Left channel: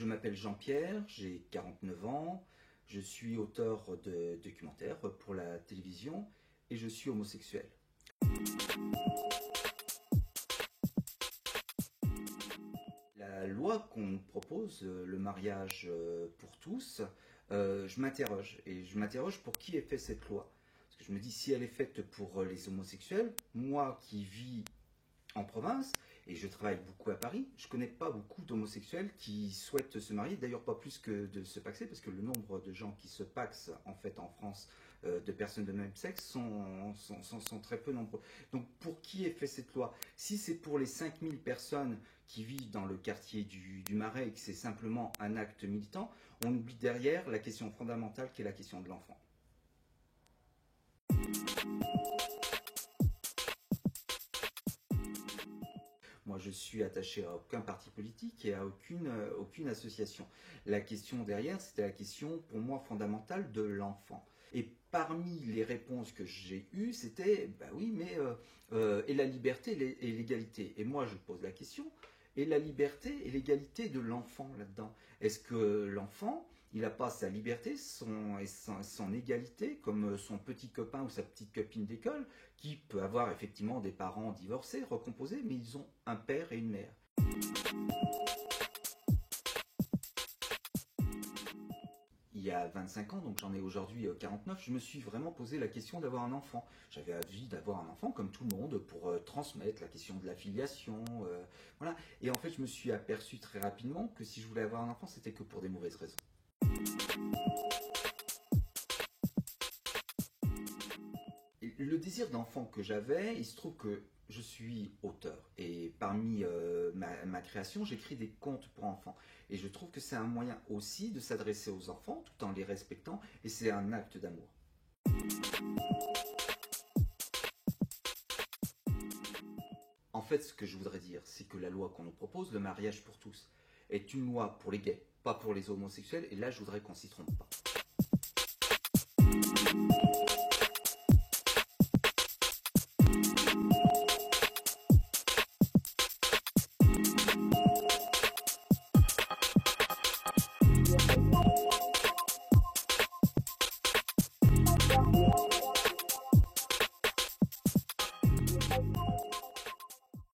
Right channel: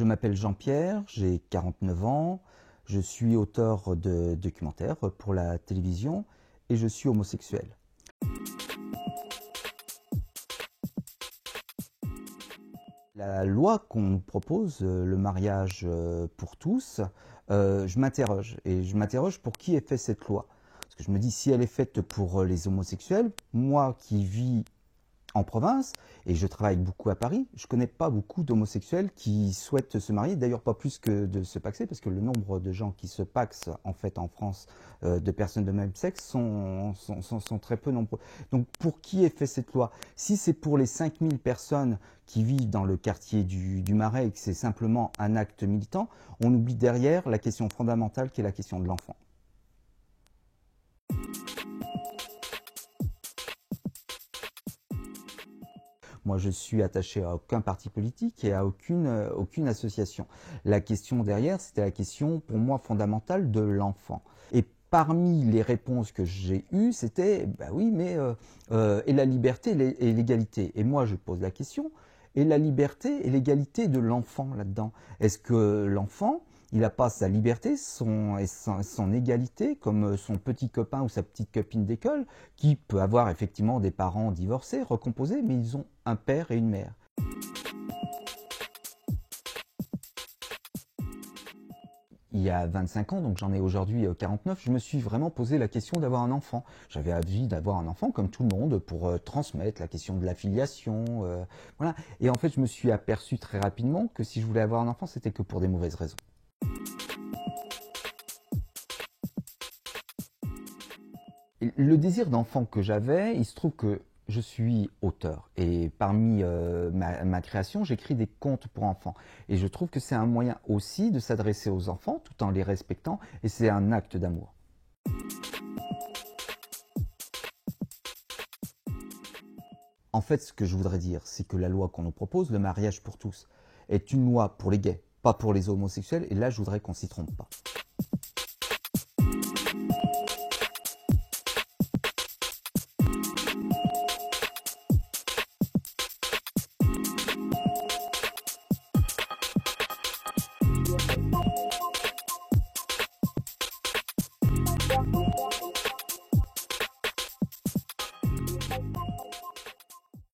Je m'appelle Jean-Pierre, j'ai 49 ans, je suis auteur de documentaires pour la télévision et je suis homosexuel. La loi qu'on propose, le mariage pour tous, je m'interroge. Et je m'interroge pour qui est faite cette loi. Parce que je me dis, si elle est faite pour les homosexuels, moi qui vis en province, et je travaille beaucoup à Paris, je connais pas beaucoup d'homosexuels qui souhaitent se marier, d'ailleurs pas plus que de se paxer, parce que le nombre de gens qui se paxent en fait en France, de personnes de même sexe, sont très peu nombreux. Donc pour qui est fait cette loi? Si c'est pour les 5000 personnes qui vivent dans le quartier du Marais et que c'est simplement un acte militant, on oublie derrière la question fondamentale qui est la question de l'enfant. Moi, je suis attaché à aucun parti politique et à aucune association. La question derrière, c'était la question, pour moi, fondamentale de l'enfant. Et parmi les réponses que j'ai eues, c'était, bah oui, mais et la liberté et l'égalité. Et moi, je pose la question, et la liberté et l'égalité de l'enfant là-dedans? Est-ce que l'enfant, il n'a pas sa liberté et son égalité comme son petit copain ou sa petite copine d'école, qui peut avoir effectivement des parents divorcés, recomposés, mais ils ont un père et une mère. Il y a 25 ans, donc j'en ai aujourd'hui 49, je me suis vraiment posé la question d'avoir un enfant. J'avais envie d'avoir un enfant comme tout le monde pour transmettre la question de la filiation, voilà. Et en fait, je me suis aperçu très rapidement que si je voulais avoir un enfant, c'était que pour des mauvaises raisons. Le désir d'enfant que j'avais, il se trouve que je suis auteur et parmi ma création, j'écris des contes pour enfants. Et je trouve que c'est un moyen aussi de s'adresser aux enfants tout en les respectant et c'est un acte d'amour. En fait, ce que je voudrais dire, c'est que la loi qu'on nous propose, le mariage pour tous, est une loi pour les gays, pas pour les homosexuels. Et là, je voudrais qu'on s'y trompe pas.